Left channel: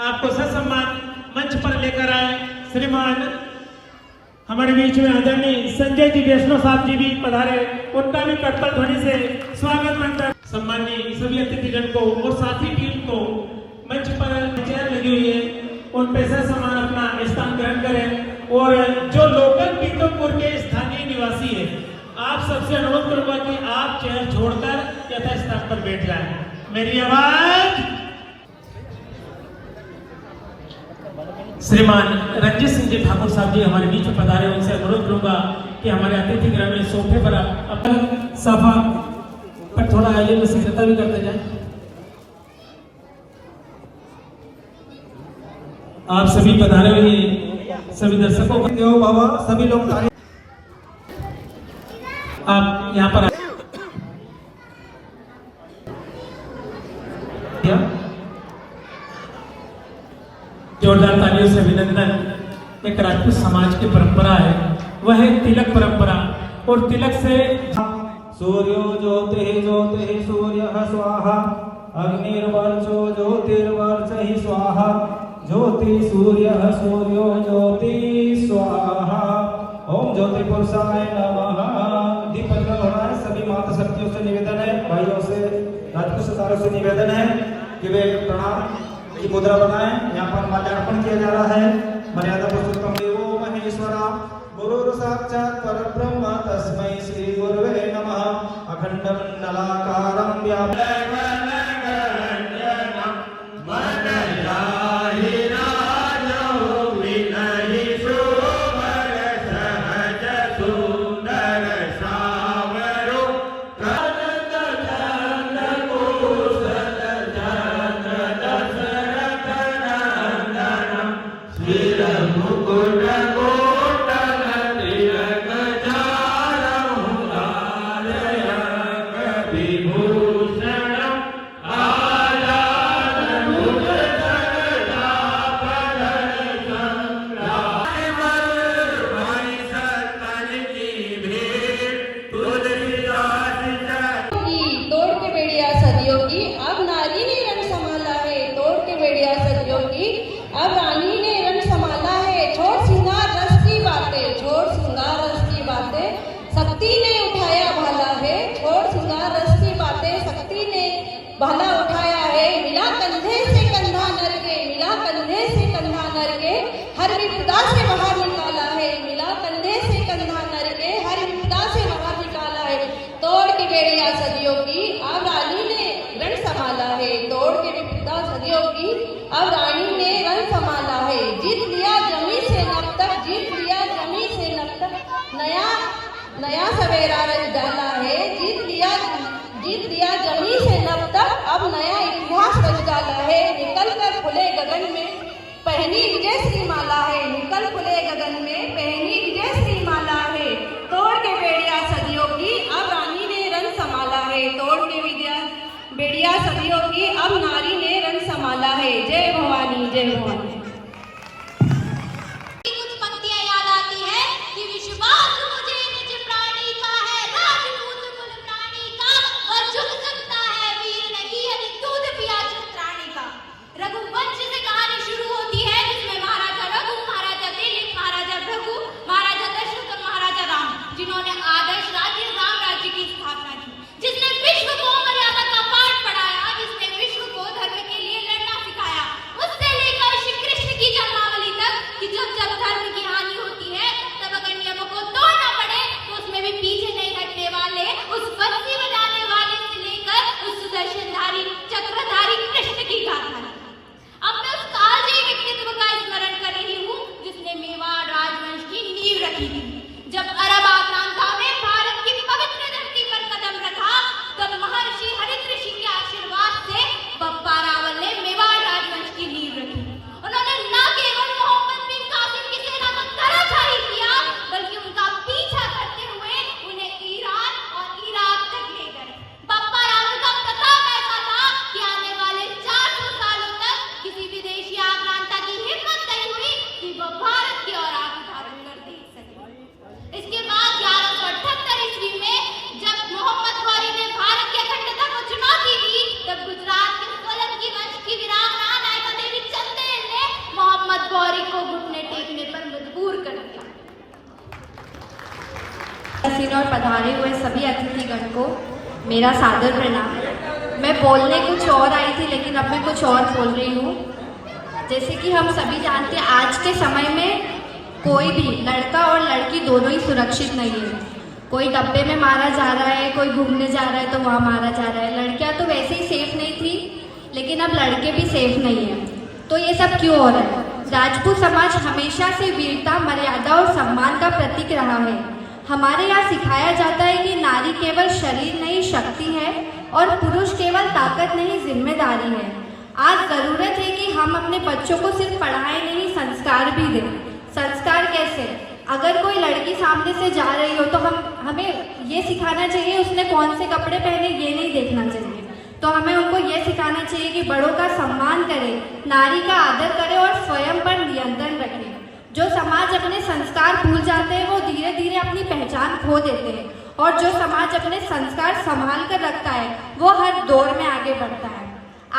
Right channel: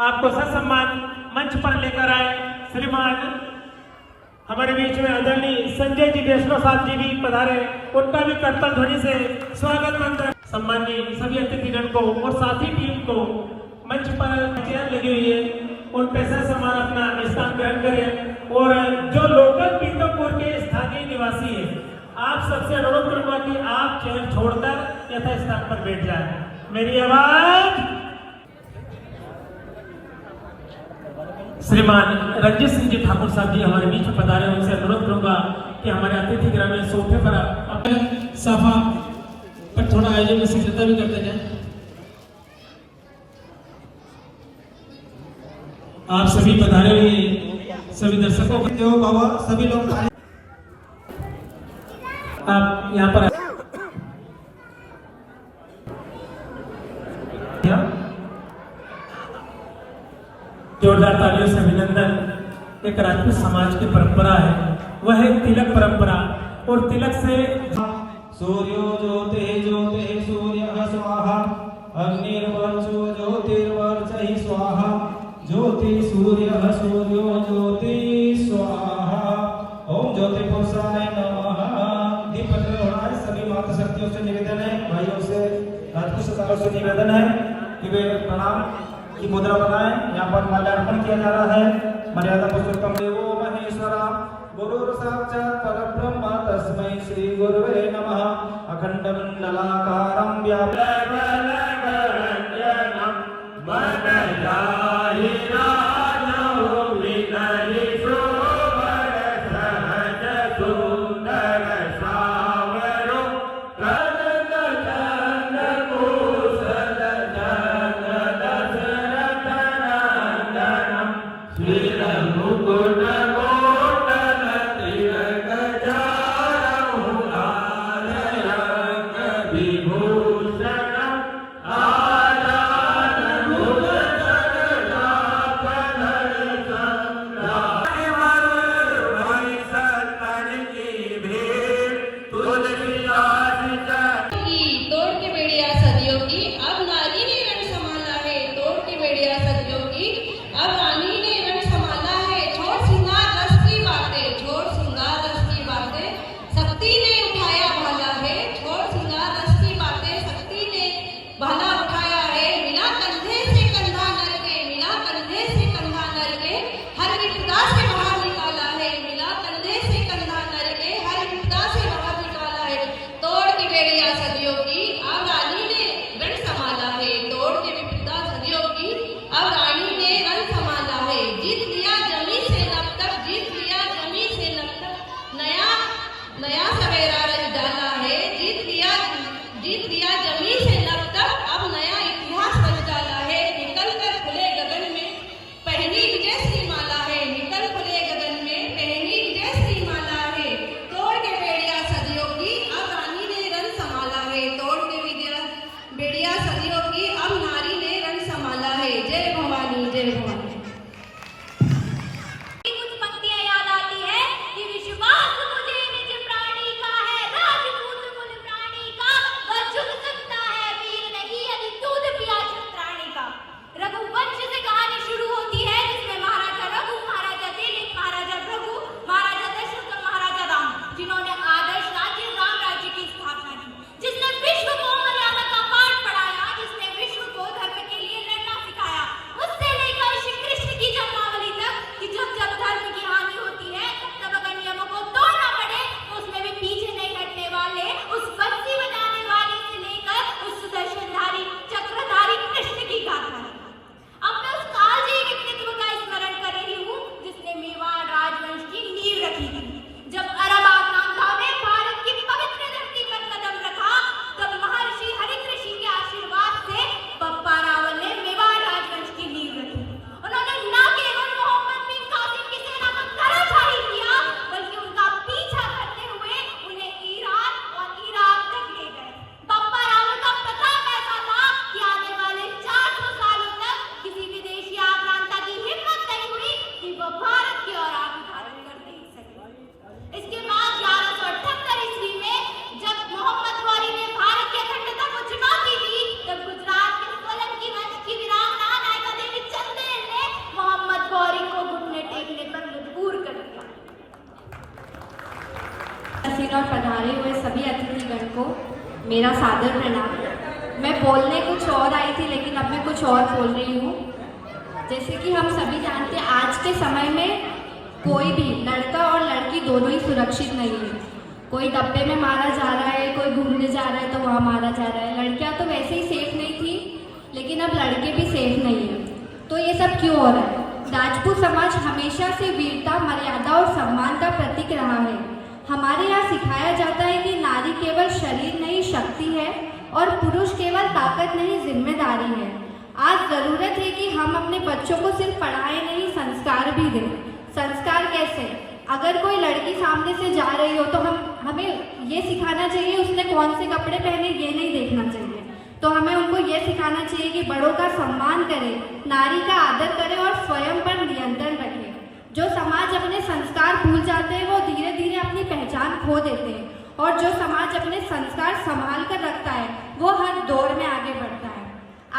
आपको ससम्मान मंच पर लेकर आए श्रीमान हमारे बीच में आदरणीय संजय जी देशमुख साहब जी भी पधारे, उनका भी प्रबल ध्वनि से स्वागत मानता। सम्मानीय सभी अतिथिगण को और साथी टीम को मंच पर चेयर लगी हुई है, उन पे ससम्मान अपना स्थान ग्रहण करें। और जो लोकल पीतमपुर के स्थानीय निवासी है, आप सबसे अनुरोध करूंगा कि आप चेयर छोड़कर यथास्थान पर बैठ जाएं। मेरी आवाज। श्रीमान रंजित सिंह जी ठाकुर साहब जी हमारे बीच में पधारे, उनसे अनुरोध करूंगा कि हमारे अतिथि गृह में सोफे पर अपन सभा पर थोड़ा आयोजन में शीघ्रता भी करते जाए। आप सभी पधारे हुए सभी दर्शकों को बाबा सभी लोग आप यहाँ पर जोरदार तालियों से अभिनंदन। एक राजपूत समाज की परंपरा है, वह है तिलक परंपरा। और तिलक से सूर्यो ज्योतिः ज्योतिः सूर्यः स्वाहा अग्निर्वर्चो ज्योतिर्वर्चः स्वाहा ज्योति सूर्यः सूर्यो ज्योति स्वाहा। ओम ज्योति पुरुषाय नमः। दीप प्रज्वलन है। सभी माता शक्तियों से निवेदन है, भाइयों से राजपूत सरदारों से निवेदन है कि वे प्रणाम की मुद्रा बनाएं। यहाँ पर माल्यार्पण किया जा रहा है। मर्यादा पुरुषोत्तम देवो महेश्वरा गुरुर् साक्षात् परब्रह्म तस्मै श्री गुरुवे नमः। अखंडं मंडलाकारं व्याप्तं नया सवेरा रच डाला है। जीत लिया जमी से लब तक, अब नया इतिहास रच डाला है। निकल कर खुले गगन में पहनी विजय श्री माला है। निकल खुले गगन में पहनी विजय श्री माला है। तोड़ के बेड़िया सदियों की अब रानी ने रंग संभाला है। तोड़ के बेड़िया सदियों की अब नारी ने रंग संभाला है। जय भवानी जय भवानी। जिसने विश्व को धर्म के लिए लड़ना सिखाया, उससे लेकर श्री कृष्ण मेरा सादर प्रणाम। मैं बोलने कुछ और आई थी लेकिन अब मैं कुछ और बोल रही हूँ। जैसे कि हम सभी जानते हैं आज के समय में कोई भी लड़का और लड़की दोनों ही सुरक्षित नहीं है। कोई डब्बे में मारा जा रहा है, कोई घूमने जा रहा है तो वहाँ मारा जा रहा है। लड़कियाँ तो वैसे ही सेफ नहीं थी लेकिन अब लड़के भी सेफ नहीं हैं। तो ये सब क्यों हो रहा है? राजपूत समाज हमेशा से वीरता, मर्यादा और सम्मान का प्रतीक रहा है। हमारे यहाँ सिखाया जाता है कि नारी केवल शरीर नहीं शक्ति है और पुरुष केवल ताकत नहीं जिम्मेदारी है। आज ज़रूरत है कि हम अपने बच्चों को सिर्फ पढ़ाएं नहीं, संस्कार भी दें। संस्कार कैसे? अगर कोई लड़की सामने से जा रही हो तो हमें ये सिखाना चाहिए उसने कौन से कपड़े पहने, ये नहीं देखना चाहिए। तो हमें उनको ये सिखाना चाहिए कि बड़ों का सम्मान करें, नारी का आदर करें और स्वयं पर नियंत्रण रखें। जो समाज अपने संस्कार भूल जाते हैं वो धीरे धीरे अपनी पहचान खो देते हैं और जो समाज अपने संस्कार संभाल कर रखता है वो हर दौर में आगे बढ़ता है।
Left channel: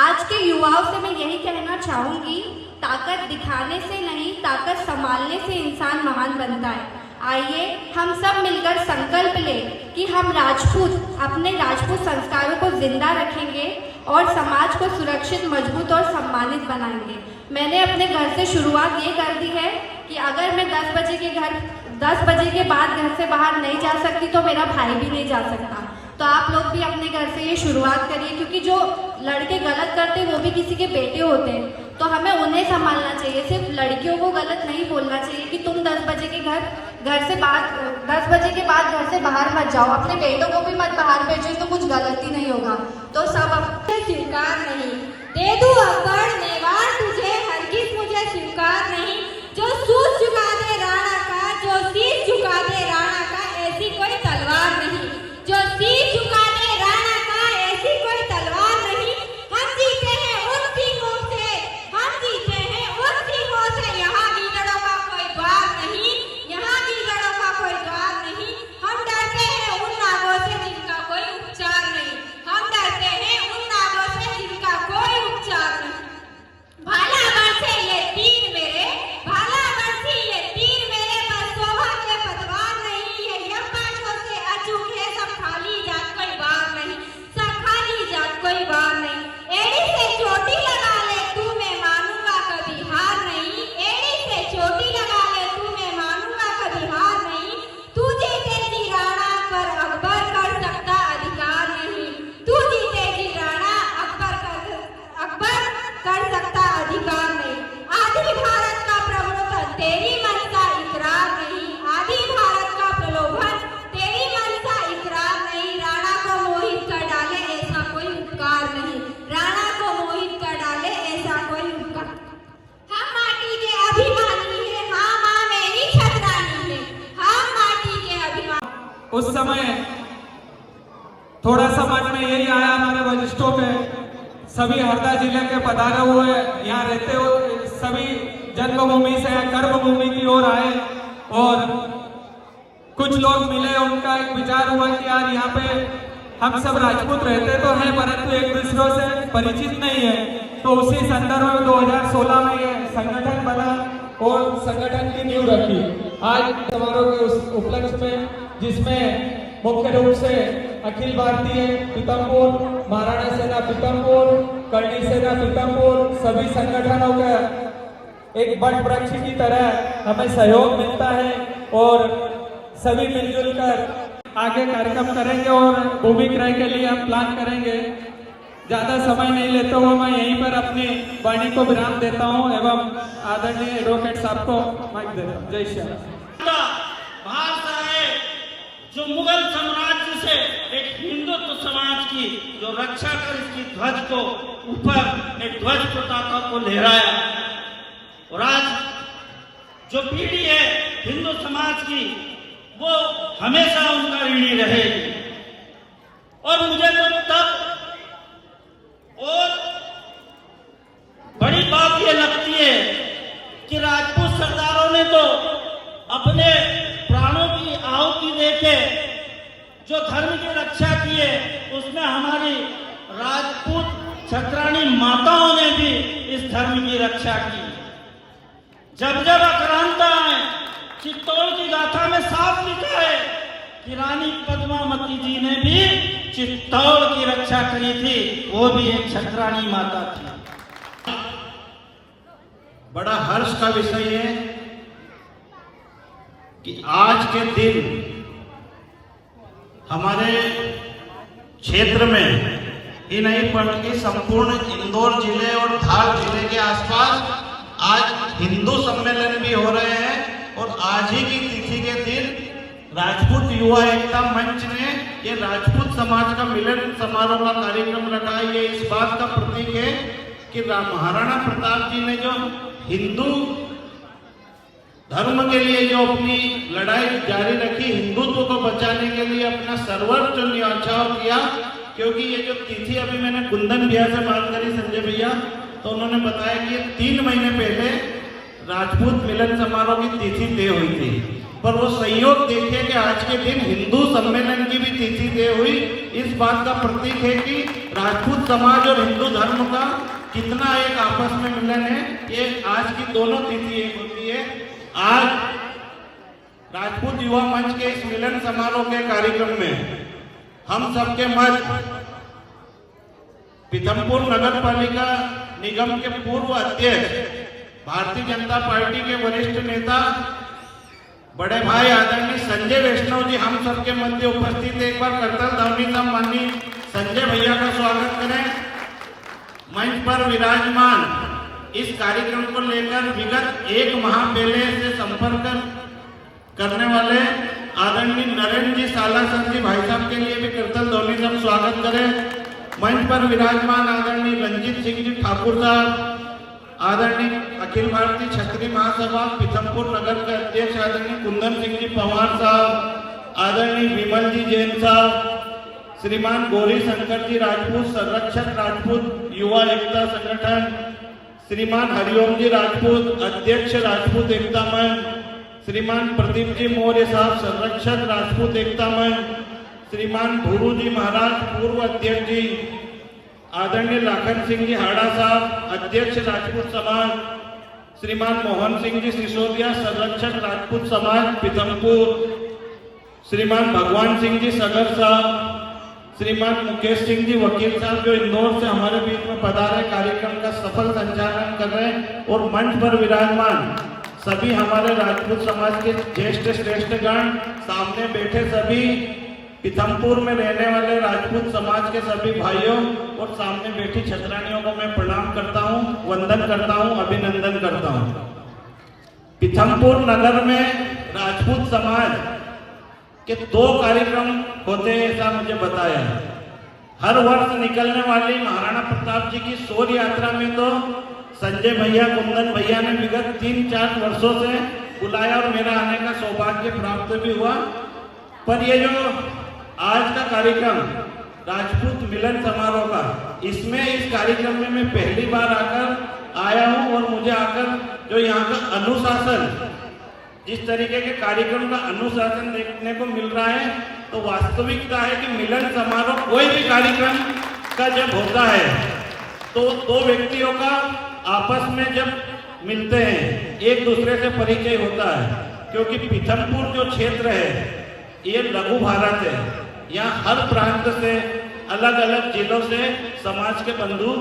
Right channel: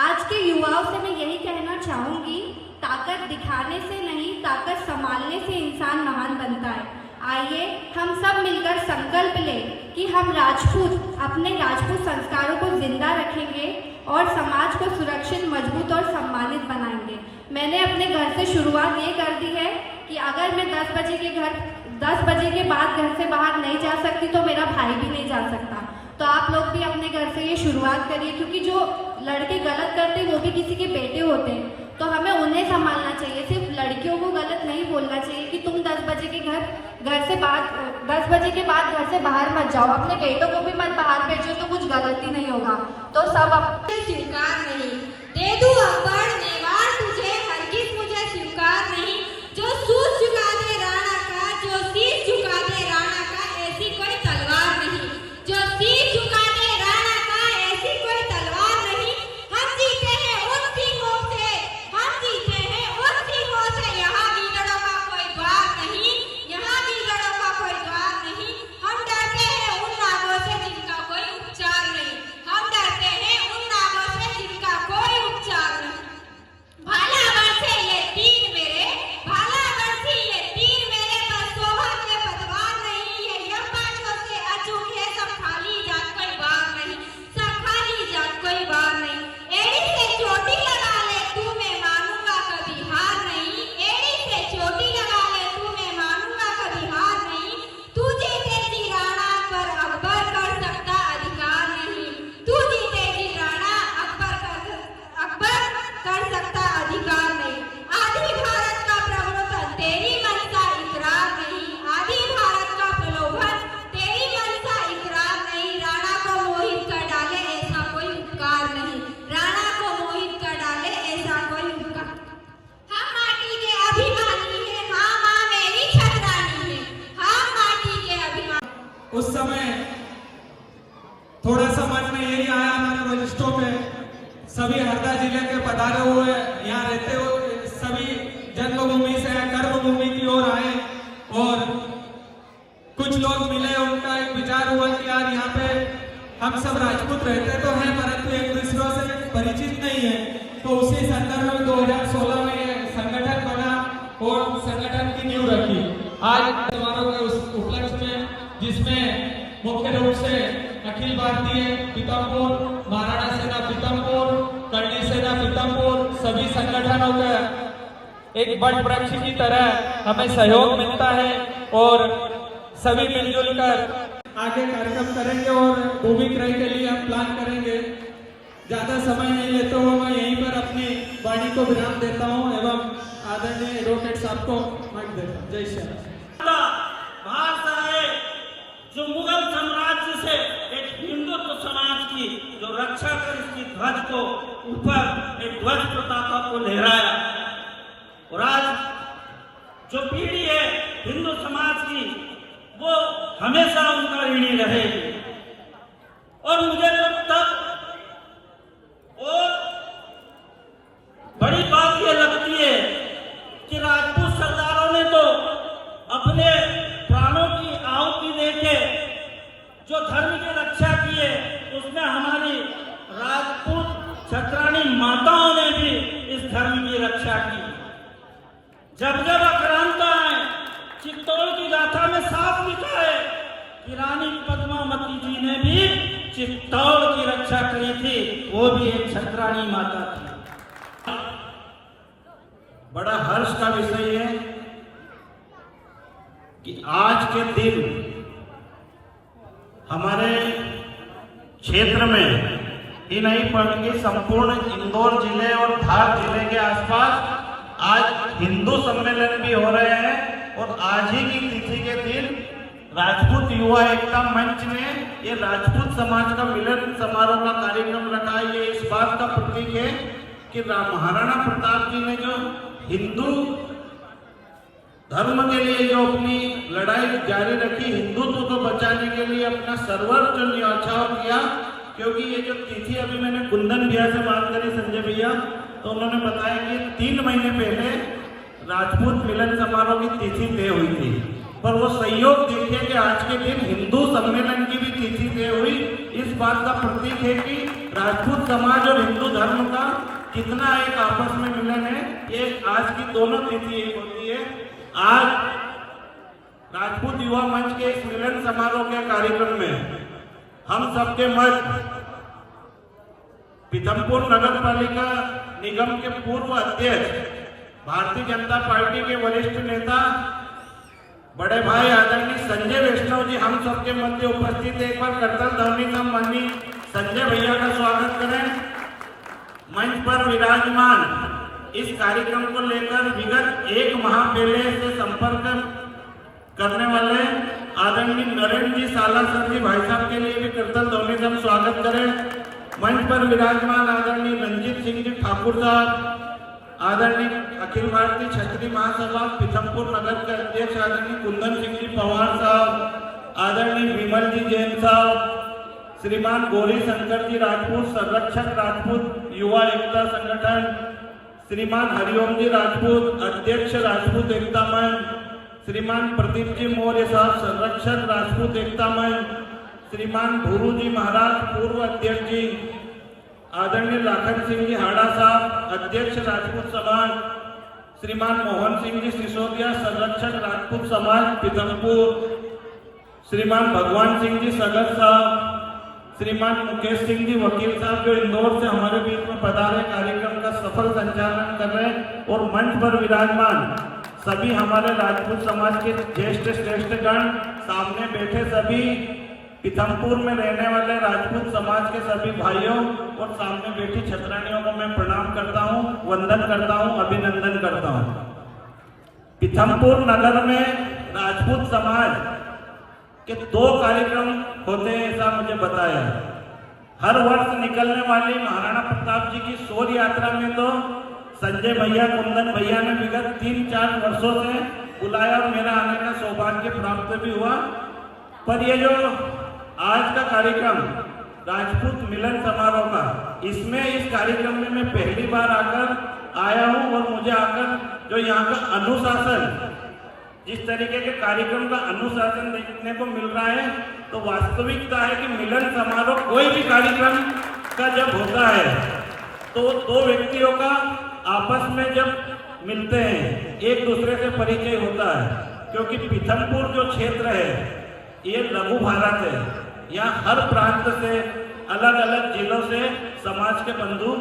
आज के युवाओं से मैं यही कहना चाहूँगी, ताकत दिखाने से नहीं, ताकत संभालने से इंसान महान बनता है। आइए हम सब मिलकर संकल्प लें कि हम राजपूत अपने राजपूत संस्कारों को जिंदा रखेंगे और समाज को सुरक्षित, मजबूत और सम्मानित बनाएंगे। मैंने अपने घर से शुरुआत ये कर दी है कि अगर मैं 10 बजे के बाद घर से बाहर नहीं जा सकती तो मेरा भाई भी नहीं जा सकता। तो आप लोग भी अपने घर से ये शुरुआत करिए, क्योंकि जो लड़के गलत करते हैं वो भी किसी के बेटे होते हैं। तो हमें उन्हें संभालना चाहिए, सिर्फ लड़कियों को गलत नहीं बोलना चाहिए कि तुम 10 बजे के बाद घर से बाहर मत जाओ। अपने बेटों को भी मत बाहर भेजो तो कुछ गलती नहीं होगा। तो सब स्वीकार नहीं, दे दूं अकबर नेवार तुझे, हरगिज मुझे स्वीकार नहीं। जो सूझ झुका दे राणा का, जो शीश झुका दे राणा का, ऐसी कोई तलवार नहीं। जो शीश झुका दे राणा का, ऐसी कोई तलवार नहीं। हम जीते हैं उन सिंहों से, हम जीते हैं उन सिंहों से। यहाँ गीदड़ों का कोई द्वार नहीं, यहाँ गीदड़ों का कोई द्वार नहीं। हम डरते हैं उन नागों से जिनका कोई उपचार नहीं। हम डरते हैं उन नागों से जिनका कोई उपचार नहीं। भाला बरसे ये तीर मेरे, भाला बरसी ये तीर मेरे, पर शोभा के पतवार नहीं। ये यमपाशों से अचूक है, सब खाली जात कोई बार नहीं, सब खाली जात कोई बार नहीं। एड़ी से चोटी लगा ले तू, मैं मानूंगा कभी हार नहीं। एड़ी से चोटी लगा ले तू, मैं मानूंगा कभी हार नहीं। तू जीते जी राणा, पर अकबर कर सकता अधिकार नहीं। तू जीते जी राणा, अकबर कर सकता अधिकार नहीं। आदि भारत का प्रलोभन तेरी मनसा इकरार नहीं। आदि भारत का प्रलोभन तेरी मनसा इकरार नहीं। राणा को मोहित कर डाले ऐसा कोई उपकार नहीं। राणा को मोहित कर डाले ऐसा कोई उपकार। हम माटी के अभिमानी है, हाँ माँ मेरी छतरानी है, हम माटी के अभिमानी। उस समय थोड़ा सा मन में यही आया हमारे वरिष्ठों पे, सभी हरदा जिले के पधारे हुए, यहाँ रहते हुए सभी जन्मभूमि से कर्मभूमि की ओर आए और कुछ लोग मिले। उनका एक विचार हुआ कि यार यहाँ पे हम सब राजपूत रहते तो हैं परंतु एक दूसरों से परिचित नहीं है। तो उसी संदर्भ में 2016 में ये संगठन बना और संगठन की नींव रखी। आज समारोह के उस उपलक्ष्य में, जिसमें मुख्य रूप से अखिल भारतीय पीतमपुर, महाराणा सेना पीतमपुर, करणी सेना पीतमपुर, सभी संगठनों का एक बड़ वृक्ष की तरह हमें सहयोग मिलता है और सभी मिलजुल कर आगे कार्यक्रम करेंगे और भूमि क्रय के लिए हम प्लान करेंगे। ज्यादा समय नहीं लेते हुए मैं यहीं पर अपनी वाणी को विराम देता हूं एवं आदरणीय एडवोकेट साहब को माइक देता हूं। जय श्री राम। जो मुगल साम्राज्य से एक हिंदुत्व समाज की जो रक्षा कर इसकी ध्वज को ऊपर एक ध्वज पताका को लहराया और आज जो पीढ़ी है हिंदू समाज की वो हमेशा उनका ऋणी रहेगी। और मुझे तो तब और बड़ी बात ये लगती है कि राजपूत सरदारों ने तो अपने प्राणों की आहुति देके जो धर्म की रक्षा की है उसमें हमारी राजपूत छत्राणी माताओं ने भी इस धर्म की रक्षा की। जब जब आक्रांता है, चित्तौड़ की गाथा में साफ लिखा है कि रानी पद्मावती जी ने भी चित्तौड़ की रक्षा करी थी, वो भी एक छत्राणी माता थी। बड़ा हर्ष का विषय है कि आज के दिन हमारे क्षेत्र में ही नहीं बल्कि संपूर्ण इंदौर जिले और धार जिले के आसपास आज हिंदू सम्मेलन भी हो रहे हैं। और आज ही की तिथि के दिन राजपूत युवा एकता मंच ने ये राजपूत समाज का मिलन समारोह का कार्यक्रम रखा। ये इस बात का प्रतीक है कि महाराणा प्रताप जी ने जो हिंदू धर्म के लिए जो अपनी लड़ाई जारी रखी, हिंदुत्व को बचाने के लिए अपना सर्वोच्च न्यौछावर किया। क्योंकि ये जो तिथि अभी मैंने कुंदन भैया से बात करी, संजय भैया, तो उन्होंने बताया कि 3 महीने पहले राजपूत मिलन समारोह की तिथि तय हुई थी। पर वो संयोग देखिए कि आज के दिन हिंदू सम्मेलन की भी तिथि तय हुई। इस बात का प्रतीक है कि राजपूत समाज और हिंदू धर्म का कितना एक आपस में मिलन है। ये आज की दोनों तिथि एक होती है। आज राजपूत युवा मंच के इस मिलन समारोह के कार्यक्रम में हम सबके मध्य पीथमपुर नगर पालिका निगम के पूर्व अध्यक्ष, भारतीय जनता पार्टी के वरिष्ठ नेता बड़े भाई आदरणीय संजय वैष्णव जी हम सबके मध्य उपस्थित है। एक बार करतल ध्वनि से माननीय संजय भैया का स्वागत करें। मंच पर विराजमान इस कार्यक्रम को लेकर विगत 1 माह पहले से संपर्क करने वाले आदरणीय नरेंद्र जी सालासर जी भाई साहब के लिए भी करतल ध्वनि से स्वागत करें। मंच पर विराजमान आदरणीय रंजीत सिंह जी ठाकुर साहब, आदरणीय अखिल भारतीय क्षत्रिय महासभा पीथमपुर नगर के अध्यक्ष आदरणीय कुंदन सिंह जी पवार साहब, आदरणीय विमल जी जैन साहब, श्रीमान गौरी शंकर जी राजपूत संरक्षक राजपूत युवा एकता संगठन, श्रीमान हरिओम जी राजपूत अध्यक्ष राजपूत एकता मंच, श्रीमान प्रदीप जी मौर्य साहब संरक्षक राजपूत एकता मंच, श्रीमान भूरू जी महाराज पूर्व अध्यक्ष जी, आदरणीय लाखन सिंह जी हाड़ा साहब अध्यक्ष राजपूत समाज, श्रीमान मोहन सिंह जी सिसोदिया संरक्षक राजपूत समाज पीथमपुर, श्रीमान भगवान सिंह जी सगर साहब, श्रीमान मुकेश सिंह जी वकील साहब जो इंदौर से हमारे बीच में पधारे कार्यक्रम का सफल संचालन कर रहे हैं। और मंच पर विराजमान सभी हमारे राजपूत समाज के ज्येष्ठ श्रेष्ठ गण, सामने बैठे सभी पीथमपुर में रहने वाले राजपूत समाज के सभी भाइयों और सामने बैठी छत्राणियों को मैं प्रणाम करता हूं, वंदन करता हूं, अभिनंदन करता हूं। पीथमपुर नगर में राजपूत समाज के 2 कार्यक्रम होते हैं ऐसा मुझे बताया। हर वर्ष निकलने वाली महाराणा प्रताप जी की शौर्य यात्रा में तो संजय भैया कुंदन भैया ने विगत 3-4 वर्षों से बुलाया और मेरा आने का सौभाग्य प्राप्त भी हुआ। पर ये जो आज का कार्यक्रम राजपूत मिलन समारोह का, इसमें इस कार्यक्रम में मैं पहली बार आकर आया हूं और मुझे आकर जो यहाँ का अनुशासन, जिस तरीके के कार्यक्रम का अनुशासन देखने को मिल रहा है, तो वास्तविकता है कि मिलन समारोह कोई भी कार्यक्रम का जब होता है तो 2 व्यक्तियों का आपस में जब मिलते हैं एक दूसरे से परिचय होता है। क्योंकि पीथमपुर जो क्षेत्र है ये लघु भारत है, यहाँ हर प्रांत से अलग अलग जिलों से समाज के बंधु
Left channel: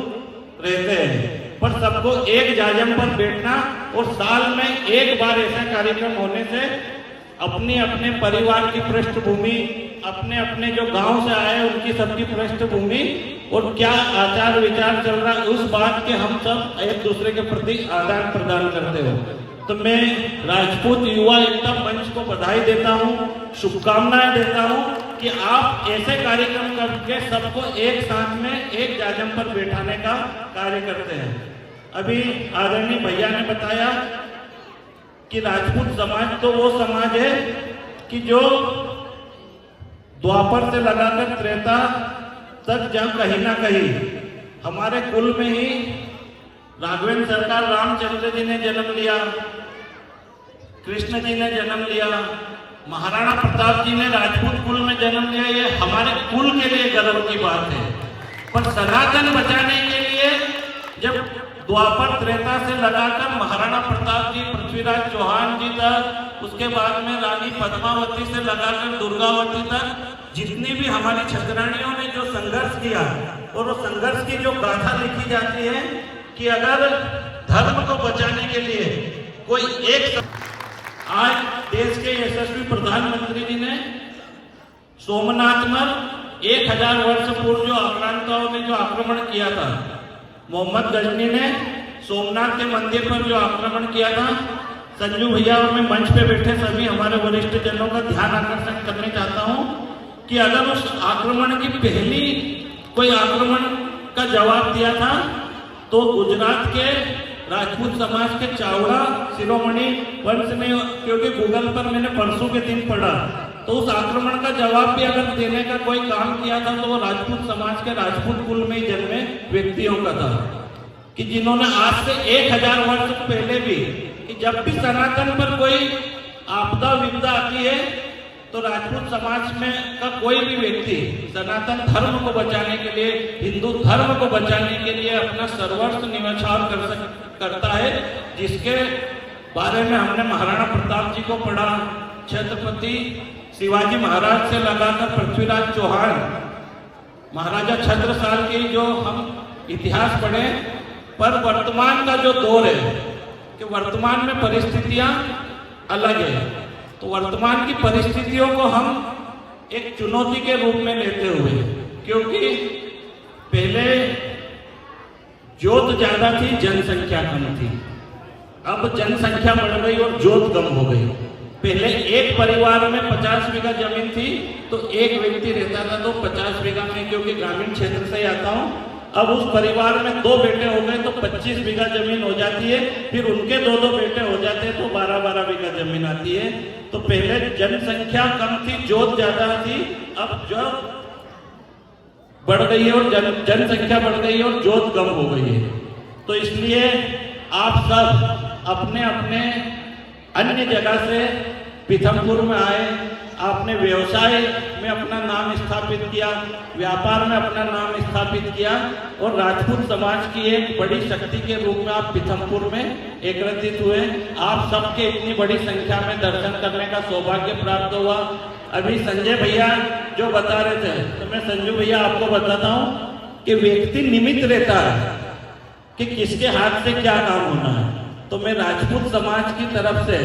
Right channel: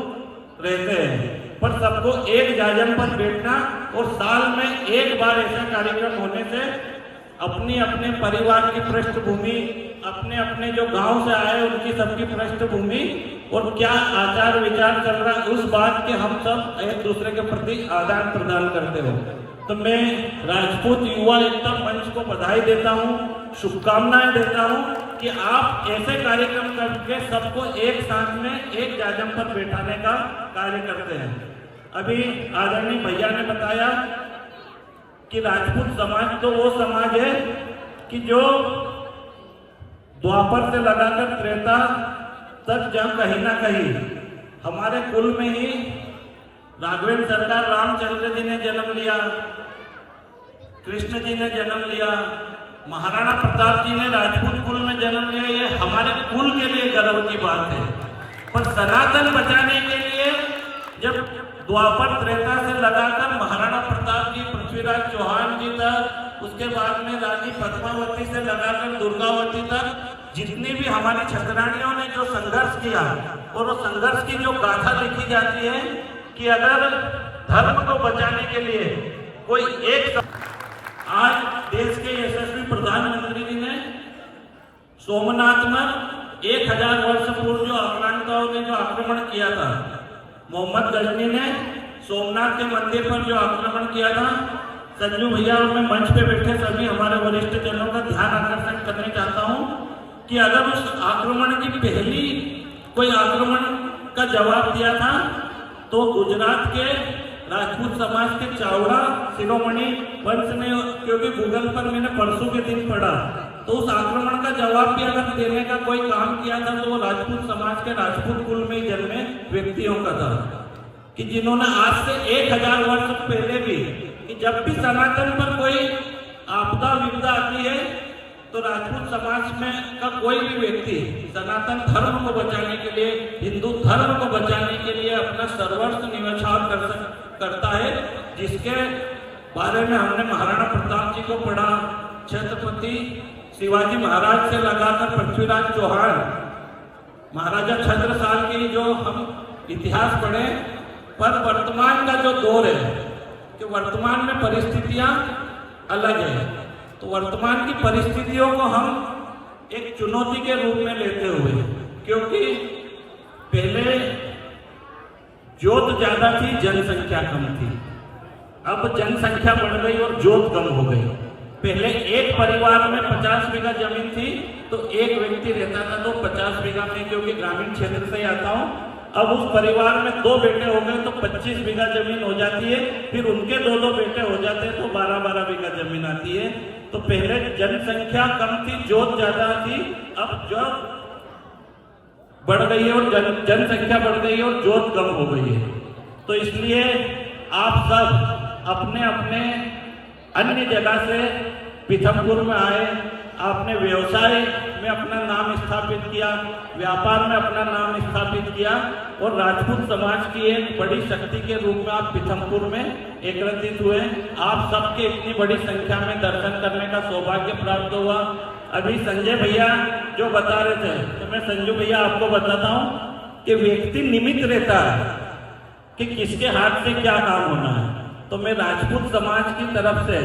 रहते हैं, पर सबको एक जाजम पर बैठना और साल में एक बार ऐसा कार्यक्रम होने से अपनी अपने परिवार की पृष्ठभूमि, अपने अपने जो गांव से आए उनकी सबकी पृष्ठभूमि और क्या आचार विचार चल रहा है उस बात के हम सब एक दूसरे के प्रति आदान प्रदान करते हो। तो मैं राजपूत युवा एकता मंच को बधाई देता हूँ, शुभकामनाएं देता हूँ कि आप ऐसे कार्यक्रम करके सबको एक साथ में एक जाजम पर बैठाने का कार्य करते हैं। अभी आदरणीय भैया ने बताया कि राजपूत समाज तो वो समाज है कि जो द्वापर से लगाकर त्रेता तक जहाँ कहीं ना कहीं हमारे कुल में ही राघवेंद्र सरकार रामचंद्र जी ने जन्म लिया, कृष्ण जी ने जन्म लिया, महाराणा प्रताप जी ने राजपूत कुल में जन्म लिया। ये हमारे कुल के लिए गर्व की बात है। पर सनातन बचाने के लिए जब द्वापर त्रेता से लगाकर महाराणा प्रताप जी, पृथ्वीराज चौहान जी तक, उसके बाद में रानी पद्मावती से लगाकर दुर्गावती तक जितनी भी हमारी छतरानियों ने जो संघर्ष किया, और वो संघर्ष की जो गाथा लिखी जाती है कि अगर धर्म को बचाने के लिए कोई एक, आज देश के यशस्वी प्रधानमंत्री जी ने सोमनाथ में 1000 वर्ष पूर्व जो आक्रांताओं ने जो आक्रमण किया था, मोहम्मद गजनी ने सोमनाथ के मंदिर पर जो आक्रमण किया था, संजू भैया और मैं मंच पे बैठे सभी हमारे वरिष्ठ जनों का ध्यान आकर्षण करने चाहता हूं कि अगर उस आक्रमण की पहली कोई आक्रमण का जवाब दिया था तो गुजरात के राजपूत समाज के चावड़ा शिरोमणि वंश ने, क्योंकि गूगल पर मैंने परसों के दिन पढ़ा, तो उस आक्रमण का जवाब भी अगर देने का कोई काम किया था तो वो राजपूत समाज के राजपूत कुल में ही जन्मे व्यक्तियों का था, कि जिन्होंने आज से 1000 वर्ष पहले भी, कि जब भी सनातन पर कोई आपदा विपदा आती है तो राजपूत समाज में का कोई भी व्यक्ति सनातन धर्म को बचाने के लिए, हिंदू धर्म को बचाने के लिए अपना सर्वस्व न्यौछावर करता है, जिसके बारे में हमने महाराणा प्रताप जी को पढ़ा, छत्रपति शिवाजी महाराज से लगाकर पृथ्वीराज चौहान, महाराजा छत्रसाल की जो हम इतिहास पढ़े, पर वर्तमान का जो दौर है कि वर्तमान में परिस्थितियां अलग है, तो वर्तमान की परिस्थितियों को हम एक चुनौती के रूप में लेते हुए, क्योंकि पहले जोत ज्यादा थी, जनसंख्या कम थी, अब जनसंख्या बढ़ गई और जोत कम हो गई। पहले एक परिवार में 50 बीघा जमीन थी तो एक व्यक्ति रहता था, तो 50 बीघा में, क्योंकि ग्रामीण क्षेत्र से आता हूं, अब उस परिवार में 2 बेटे हो गए तो 25 बीघा जमीन हो जाती है, फिर उनके 2 बेटे हो जाते हैं तो 12 बीघा जमीन आती है। तो पहले जनसंख्या कम थी, जोत ज्यादा थी, अब जो बढ़ गई है और जनसंख्या बढ़ गई है और जोत कम हो गई है। तो इसलिए आप सब अपने अपने अन्य जगह से पीथमपुर में आए, आपने व्यवसाय में अपना नाम स्थापित किया, व्यापार में अपना नाम स्थापित किया, और राजपूत समाज की एक बड़ी शक्ति के रूप में आप पीथमपुर में एकत्रित हुए। आप सबके इतनी बड़ी संख्या में दर्शन करने का सौभाग्य प्राप्त हुआ। अभी संजय भैया जो बता रहे थे, तो मैं संजू भैया आपको बताता हूँ कि व्यक्ति निमित्त रहता है कि किसके हाथ से क्या काम होना है। तो मैं राजपूत समाज की तरफ से,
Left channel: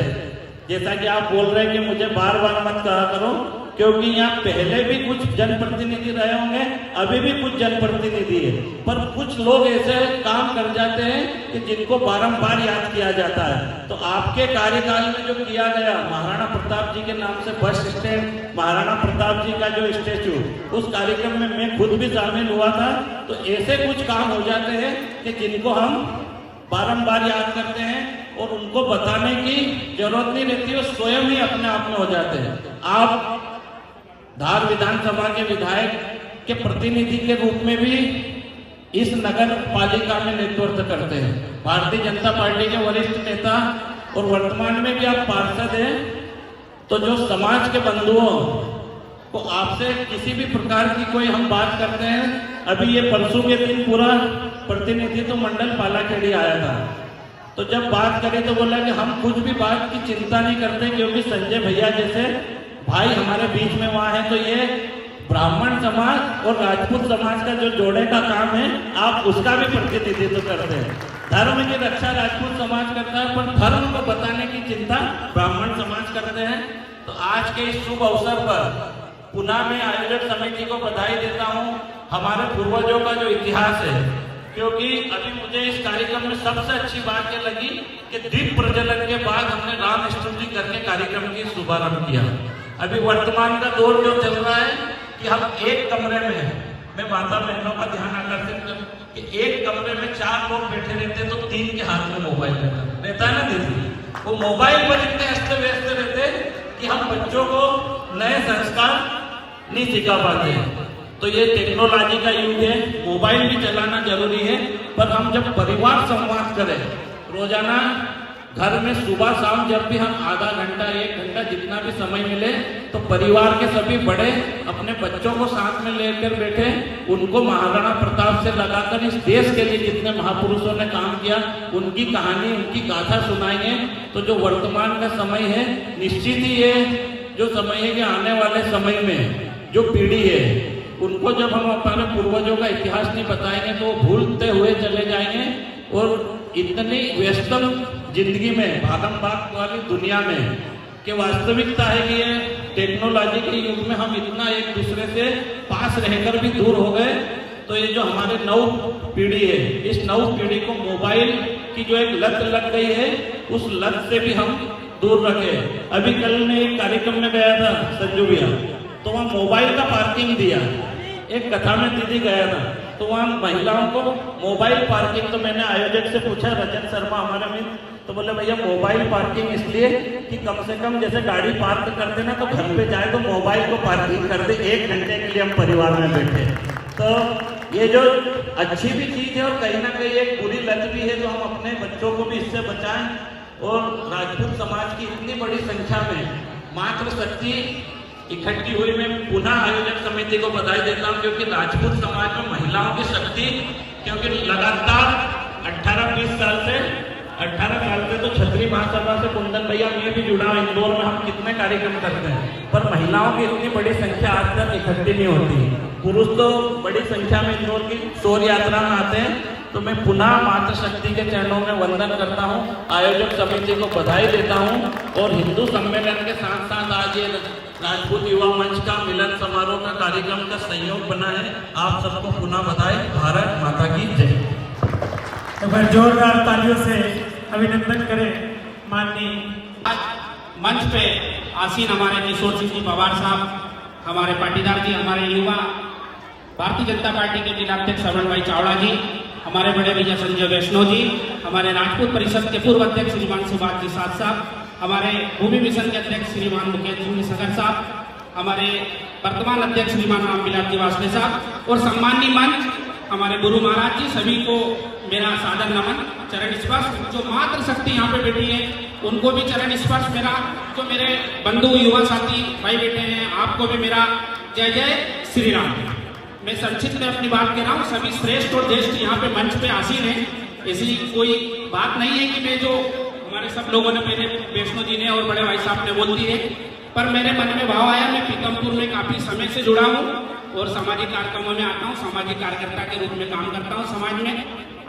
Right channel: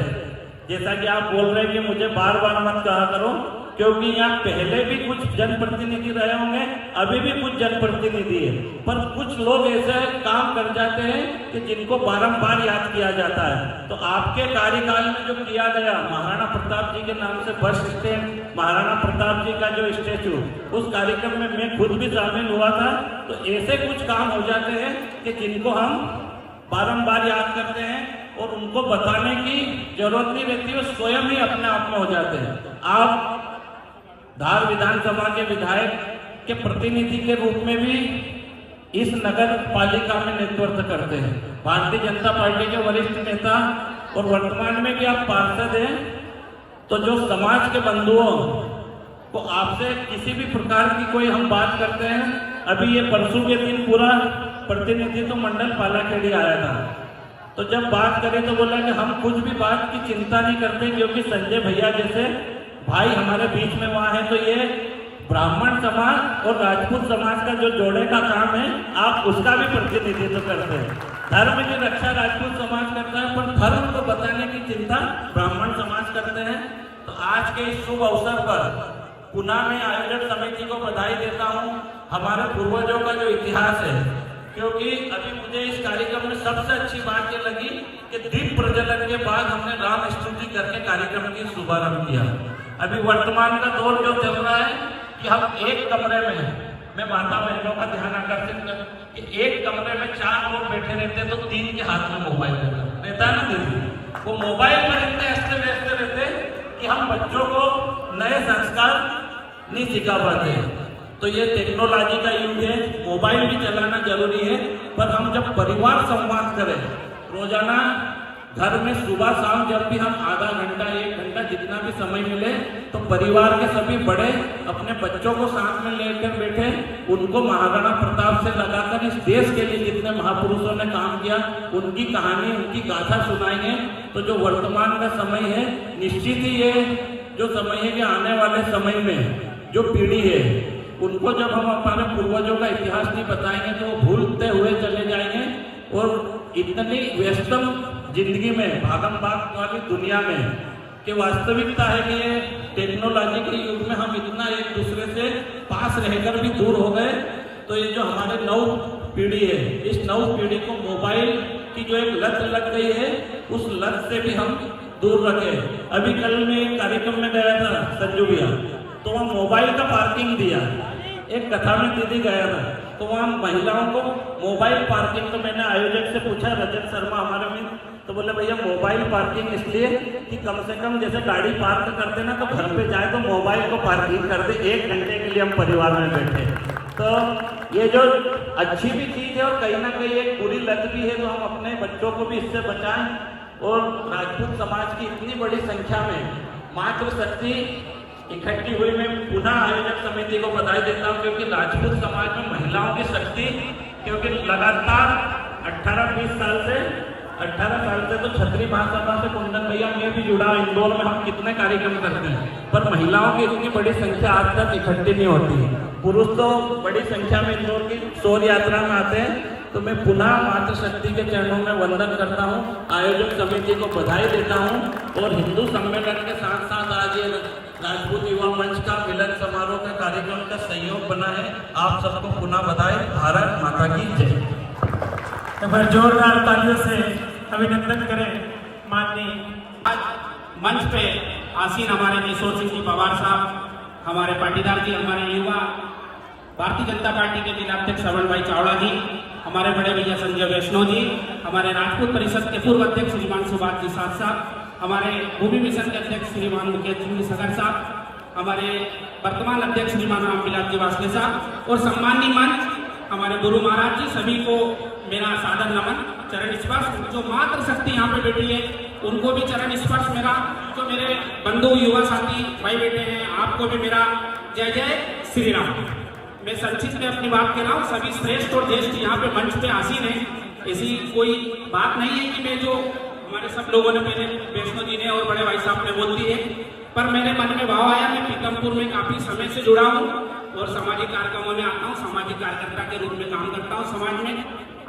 जैसा कि आप बोल रहे हैं कि मुझे बार बार मत कहा करो, क्योंकि यहाँ पहले भी कुछ जनप्रतिनिधि रहे होंगे, अभी भी कुछ जनप्रतिनिधि है, पर कुछ लोग ऐसे काम कर जाते हैं कि जिनको बारंबार याद किया जाता है। तो आपके कार्यकाल में जो किया गया, महाराणा प्रताप जी के नाम से बस स्टैंड, महाराणा प्रताप जी का जो स्टेचू, उस कार्यक्रम में मैं खुद भी शामिल हुआ था। तो ऐसे कुछ काम हो जाते हैं कि जिनको हम बारंबार याद करते हैं और उनको बताने की जरूरत नहीं रहती, वो स्वयं ही अपने आप में हो जाते हैं। आप धार विधानसभा के विधायक के प्रतिनिधि के रूप में भी इस नगर पालिका में नेतृत्व करते हैं, भारतीय जनता पार्टी के वरिष्ठ नेता, और वर्तमान में भी आप पार्षद हैं। तो जो समाज के बंधुओं को आपसे किसी भी प्रकार की कोई हम बात करते हैं, अभी ये परसों के दिन पूरा प्रतिनिधित्व मंडल पालाखेड़ी आया था, तो जब बात करें तो बोला कि हम कुछ भी बात की चिंता नहीं करते, क्योंकि संजय भैया जैसे भाई हमारे बीच में वहां है, तो ये ब्राह्मण समाज और राजपूत समाज का जो जोड़े का काम है, आप उसका भी प्रतिनिधित्व करते हैं। धर्म की रक्षा राजपूत समाज करता है, पर धर्म को बताने की चिंता ब्राह्मण समाज करते हैं। तो आज के इस शुभ अवसर पर पुनः मैं आयोजक समिति को बधाई देता हूँ। हमारे पूर्वजों का जो इतिहास है, क्योंकि अभी मुझे इस कार्यक्रम में सबसे अच्छी बात ये लगी कि दीप प्रज्वलन के बाद हमने राम स्तुति करके कार्यक्रम की शुभारंभ किया। अभी वर्तमान का दौर जो चल रहा है कि हम एक कमरे में, मैं माता बहनों का ध्यान आकर्षित कर कि एक कमरे में 4 लोग बैठे रहते हैं, तो 3 के हाथ में मोबाइल रहता है ना दीदी, वो मोबाइल पर इतने अस्त व्यस्त रहते कि हम बच्चों को नए संस्कार नहीं सिखा पाते। तो ये टेक्नोलॉजी का युग है, मोबाइल भी चलाना जरूरी है, पर हम जब परिवार संवाद करें रोजाना घर में सुबह शाम, जब भी हम आधा घंटा 1 घंटा जितना भी समय मिले, तो परिवार के सभी बड़े अपने बच्चों को साथ में लेकर बैठे, उनको महाराणा प्रताप से लगाकर इस देश के लिए जितने महापुरुषों ने काम किया उनकी कहानी, उनकी गाथा सुनाइए। तो जो वर्तमान का समय है, निश्चित ही ये जो समय है कि आने वाले समय में जो पीढ़ी है उनको जब हम अपने पूर्वजों का इतिहास नहीं बताएंगे तो वो भूलते हुए चले जाएंगे और इतनी व्यस्तम जिंदगी में भागम भाग वाली दुनिया में कि वास्तविकता है कि ये टेक्नोलॉजी के युग में हम इतना एक दूसरे से पास रहकर भी दूर हो गए। तो ये जो हमारे नव पीढ़ी है, इस नव पीढ़ी को मोबाइल की जो एक लत लग गई है उस लत से भी हम दूर रखे। अभी कल मैं एक कार्यक्रम में गया था संजू भैया, तो वहाँ मोबाइल का पार्किंग दिया। एक कथा में दीदी गया था तो वहाँ महिलाओं को मोबाइल पार्किंग, तो मैंने आयोजक से पूछा, रजत शर्मा हमारा मित्र, तो बोले भैया मोबाइल पार्किंग इसलिए कि कम से कम जैसे गाड़ी पार्क करते ना तो घर पे जाए तो मोबाइल को पार्किंग कर दे, 1 घंटे के लिए हम परिवार में बैठे। तो ये जो अच्छी भी चीज है और कहीं ना कहीं एक बुरी लत भी है, तो हम अपने बच्चों को भी इससे बचाएं। और राजपूत समाज की इतनी बड़ी संख्या में मातृशक्ति इकट्ठी हुई, मैं पुनः आयोजक समिति को बधाई देता हूं, क्योंकि राजपूत समाज में महिलाओं की शक्ति, क्योंकि लगातार 18-20 साल से 18 साल से तो छतरी महासभा से कुंदन भैया मैं भी जुड़ा हूं, इंदौर में हम कितने कार्यक्रम करते हैं, पर महिलाओं की इतनी बड़ी संख्या आज तक इकट्ठी नहीं होती। पुरुष तो बड़ी संख्या में इंदौर की शोर यात्रा में आते हैं। तो मैं पुनः मातृशक्ति के चरणों में वंदन करता हूं, आयोजक समिति को बधाई देता हूं और हिंदू सम्मेलन के साथ साथ आज ये राजपूत युवा मंच का मिलन समारोह का कार्यक्रम का संयोग बना है। आप सबको पुनः बधाई। भारत माता की जय। एक बार जोरदार तालियों से अभिनंदन करें माननीय मंच पे आसीन हमारे किशोर सिंह जी पवार साहब, हमारे पाटीदार जी, हमारे युवा भारतीय जनता पार्टी के जिला अध्यक्ष श्रवण भाई चावड़ा जी, हमारे बड़े भैया संजय वैष्णव जी, हमारे राजपूत परिषद के पूर्व अध्यक्ष श्रीमान सुभाष जी साथ साहब, हमारे भूमि मिशन के अध्यक्ष श्रीमान मुकेश जी सगर साहब, हमारे वर्तमान अध्यक्ष श्रीमान रामविलास जी वासले साहब और सम्माननीय मंच हमारे गुरु महाराज जी, सभी को मेरा सादर नमन, चरण स्पर्श। जो मातृशक्ति यहाँ पे बैठी है उनको भी चरण स्पर्श मेरा, जो मेरे बंधु युवा साथी भाई बैठे हैं आपको भी मेरा जय जय श्री राम। मैं संक्षिप्त में अपनी बात कह रहा हूँ। सभी श्रेष्ठ और ज्येष्ठ यहाँ पे मंच पे आसीन है, ऐसी कोई बात नहीं है कि मैं जो हमारे सब लोगों ने, पहले वैष्णो जी ने और बड़े भाई साहब ने बोल दी है, पर मेरे मन में भाव आया। मैं पीकमपुर में काफी समय से जुड़ा हूँ और सामाजिक कार्यक्रमों में आता हूँ, सामाजिक कार्यकर्ता के रूप में काम करता हूँ समाज में।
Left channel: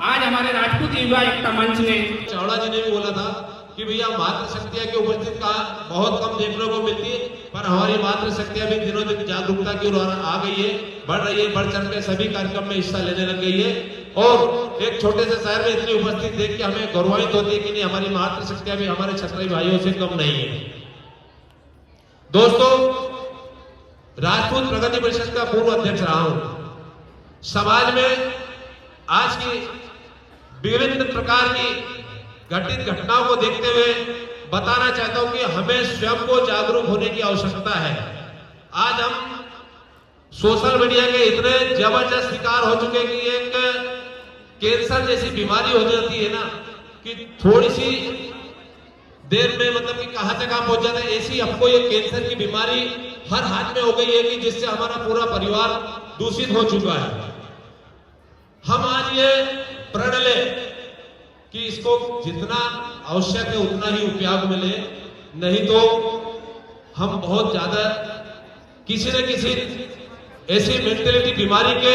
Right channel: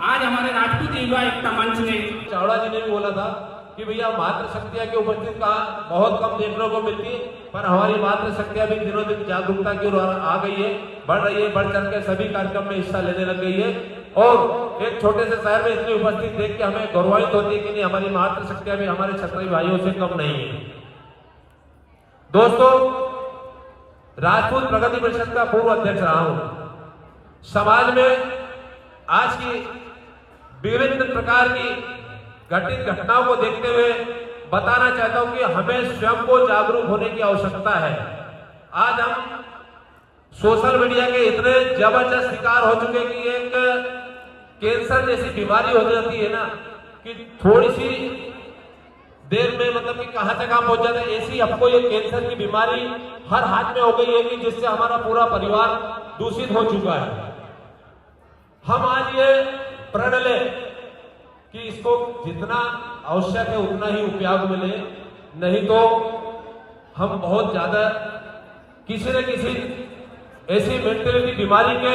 आज हमारे राजपूत युवा एकता मंच ने, चावड़ा जी ने भी बोला था कि भैया मातृशक्तियां की उपस्थित कहाँ बहुत कम देखने को मिलती है, पर हमारी मातृशक्तियां भी दिनों दिन जागरूकता की ओर आ गई है, बढ़ रही है, बढ़ चढ़ के सभी कार्यक्रम में हिस्सा लेने लग गई है। और एक छोटे से शहर में इतनी उपस्थित देख के हमें गौरवान्वित होती है कि नहीं, हमारी मातृशक्तियां भी हमारे क्षत्रिय भाइयों से कम नहीं है। दोस्तों, राजपूत प्रगति परिषद का पूर्व अध्यक्ष रहा हूं। समाज में आज की विभिन्न प्रकार की घटित घटनाओं को देखते हुए बताना चाहता हूं कि हमें स्वयं को जागरूक होने की आवश्यकता है। आज हम सोशल मीडिया के इतने जबरदस्त शिकार हो चुके कि एक कैंसर जैसी बीमारी हो जाती है ना, कि थोड़ी सी देर में मतलब कि कहां से कहां पहुंच जाता है। ऐसी हमको ये कैंसर की बीमारी हर हाथ में हो गई है कि जिससे हमारा पूरा परिवार दूषित हो चुका है। हम आज ये प्रण ले कि इसको जितना आवश्यक है उतना ही उपयोग मिले, नहीं तो हम बहुत ज्यादा किसी न किसी ऐसी मेंटेलिटी बीमारी के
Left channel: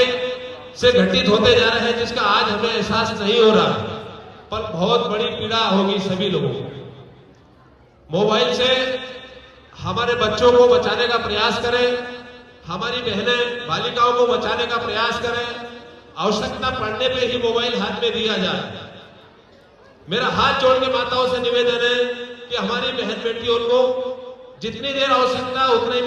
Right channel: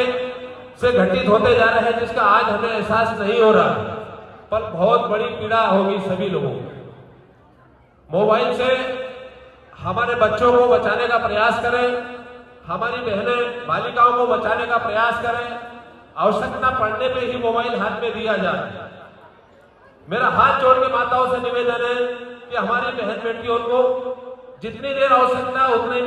से घटित होते जा रहे हैं जिसका आज हमें एहसास नहीं हो रहा, पर बहुत बड़ी पीड़ा होगी सभी लोगों को। मोबाइल से हमारे बच्चों को बचाने का प्रयास करें, हमारी बहनें बालिकाओं को बचाने का प्रयास करें। आवश्यकता पड़ने पे ही मोबाइल हाथ में दिया जाए। मेरा हाथ जोड़ के माताओं से निवेदन है कि हमारी बहन बेटियों को जितनी देर आवश्यकता उतना ही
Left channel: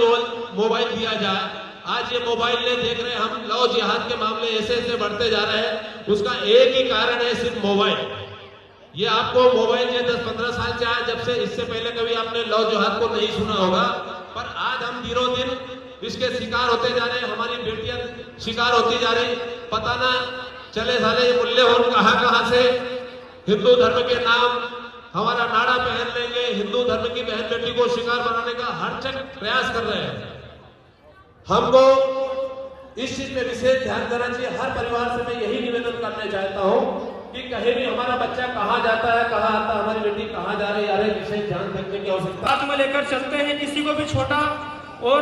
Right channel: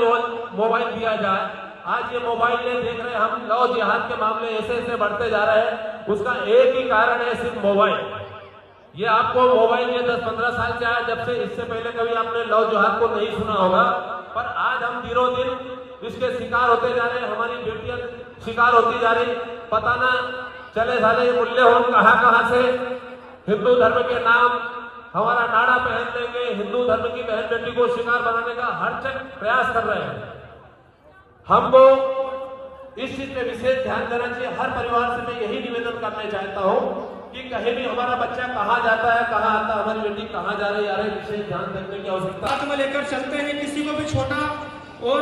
मोबाइल दिया जाए। आज ये मोबाइल ने देख रहे हैं हम, लव जिहाद के मामले ऐसे ऐसे बढ़ते जा रहे हैं, उसका एक ही कारण है सिर्फ मोबाइल। ये आपको मोबाइल ये 10-15 साल से आया, जब से इससे पहले कभी आपने लव जिहाद को नहीं सुना होगा, पर आज हम दिनों दिन इसके शिकार होते जा रहे हैं। हमारी बेटियां शिकार होती जा रही, पता ना चले साले ये मूल्य हो कहां से हिंदू धर्म के नाम हमारा नाड़ा पहन लेंगे, हिंदू धर्म की बहन बेटी को शिकार बनाने का हर जगह प्रयास कर रहे हैं। हमको इस चीज में विशेष ध्यान देना चाहिए। हर परिवार से मैं यही निवेदन करना चाहता हूँ कि कहीं भी हमारा बच्चा कहाँ जाता है, कहाँ आता है, हमारी बेटी कहाँ जा रही है, विशेष ध्यान देने की आवश्यकता। साथ में लेकर चलते हैं, किसी को भी छोटा और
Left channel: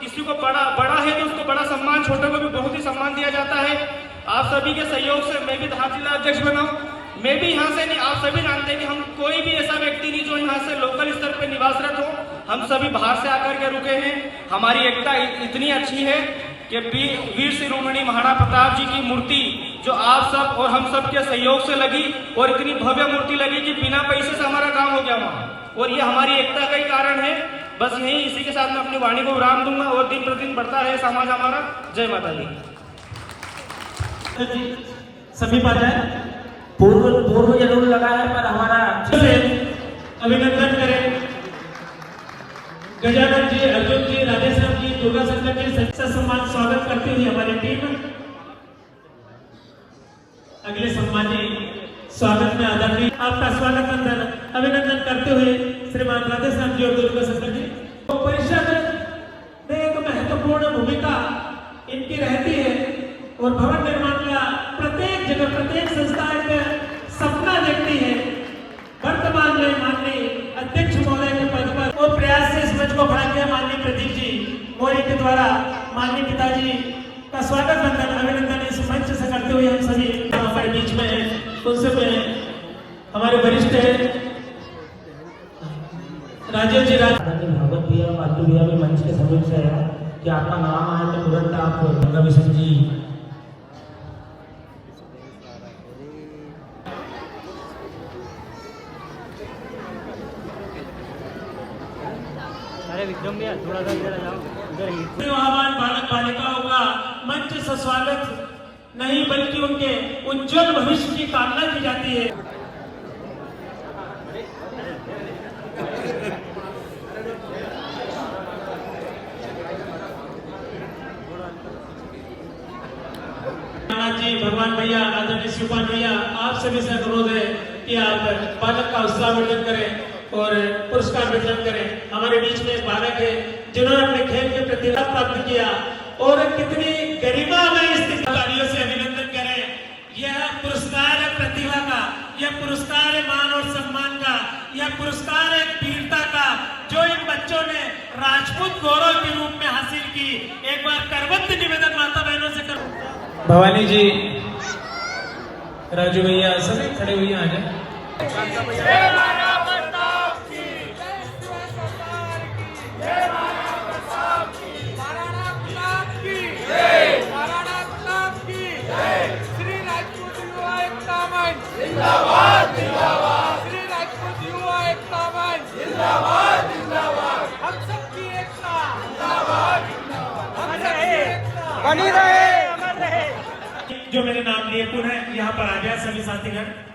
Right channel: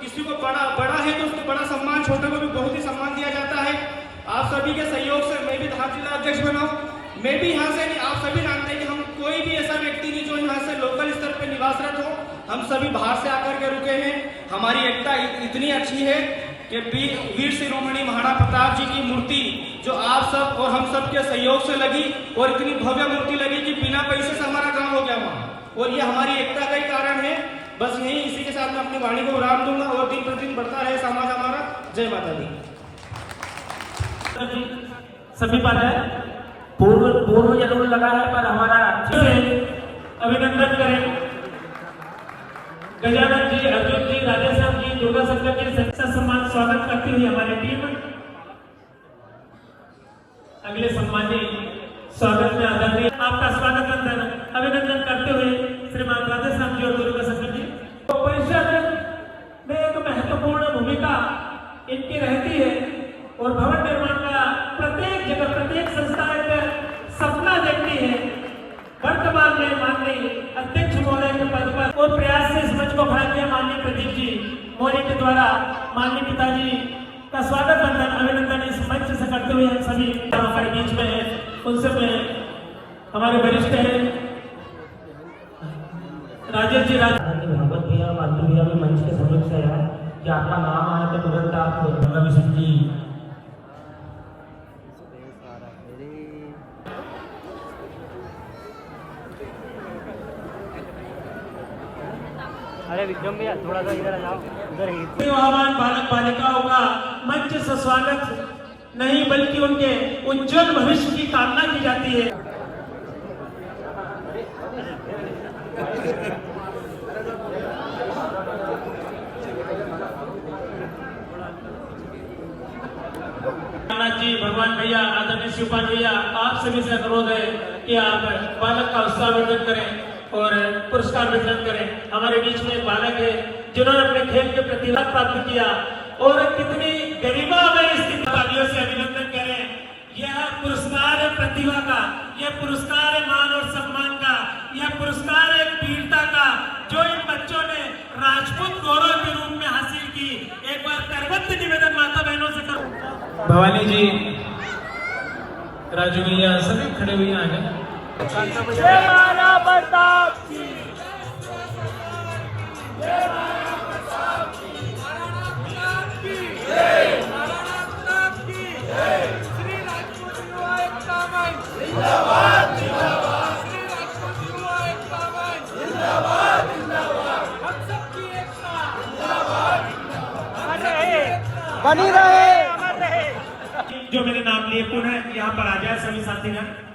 किसी को बड़ा है तो उसको बड़ा सम्मान, छोटे को भी बहुत ही सम्मान दिया जाता है। आप सभी के सहयोग से मैं भी धार जिला अध्यक्ष बना हूँ। मैं भी यहाँ से नहीं, आप सभी जानते हैं कि हम कोई भी ऐसा व्यक्ति नहीं जो यहाँ से लोकल स्तर पे निवासरत हो, हम सभी बाहर से आकर के रुके हैं। हमारी एकता इतनी अच्छी है कि वीर शिरोमणि महाराणा प्रताप जी की मूर्ति जो आप सब और हम सब के सहयोग से लगी और इतनी भव्य मूर्ति लगी कि बिना पैसे से हमारा काम हो गया वहाँ, और ये हमारी एकता का ही कारण है। बस यही, इसी के साथ मैं अपनी वाणी को विराम दूंगा और दिन प्रतिदिन बढ़ता रहे समाज हमारा। जय माता दी। सभी पर है पूर्व जरूर लगा है, पर हमारा अभिनंदन करें। गजानन जी, अर्जुन जी, राधेश्याम जी, दुर्गा शंकर जी, सच्चा सम्मान स्वागत करती हुई हमारी टीम अगले सम्मानीय स्वागत में आदरणीय आपका स्वागत अभिनंदन करते हुए श्रीमान राधेश्याम जी और दुर्गा शंकर जी। तो परिषद में एक महत्वपूर्ण भूमिका इनकी रहती है और भवन निर्माण का प्रत्येक जगह प्रत्येक संस्था एक सपना देखती है। वर्तमान में माननीय अध्यक्ष महोदय के पद पर और प्रयास से इस मंच को बढ़ा दिया माननीय प्रदीप जी मौर्य के द्वारा माननीय पिताजी का स्वागत अभिनंदन इस मंच से करते हुए हम सभी हमारे बीच में है, उनसे में हमारे वरिष्ठ है राजीव जी। भगवत भैया पालतू भैया के मंच के सहयोग से है कि आपका नाम आए तो तुरंत आप नवीन जी आह्वान बालक बालिकाओं का मंच से स्वागत नहीं बल्कि उनके उज्जवल भविष्य की कामना की जाती है। जी, भगवान भैया, आदरणीय शिवपाल भैया, आप सभी से अनुरोध है कि आप बालक का उत्साहवर्धन करें और पुरस्कार वितरण करें। हमारे बीच में एक बालक है जिन्होंने अपने खेल के प्रतिभा प्राप्त किया और कितनी गरिमामय तालियों से अभिनंदन करें। यह पुरस्कार है प्रतिभा का, यह पुरस्कार है मान और सम्मान का, यह पुरस्कार है वीरता का जो इन बच्चों ने राजपूत गौरव के रूप में हासिल की। एक बार करबद्ध निवेदन माता बहनों से करूं। भवानी जी, राजू भैया, सभी खड़े हुए आ जाए। जो मेरे नाम लिए पुनः यहाँ पर आ गया सभी साथीगण।